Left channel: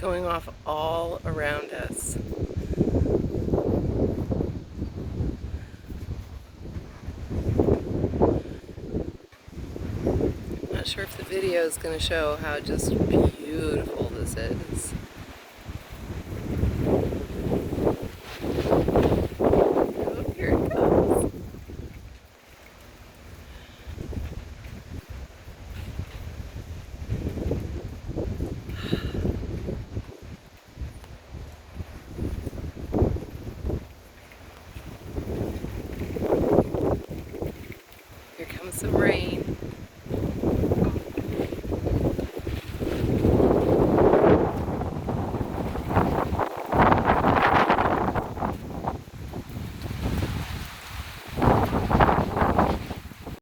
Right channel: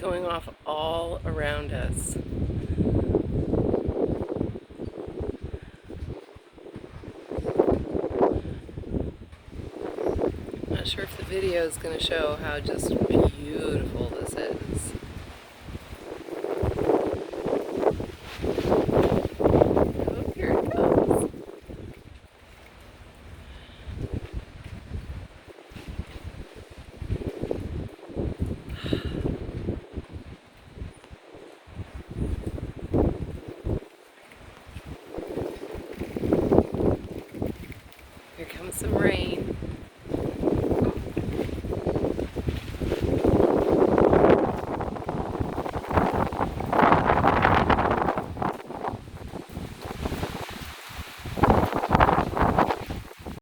going off all around us. I'm not sure if the video is going to show how just beautiful this is. Oh, here it comes. Here comes some rain.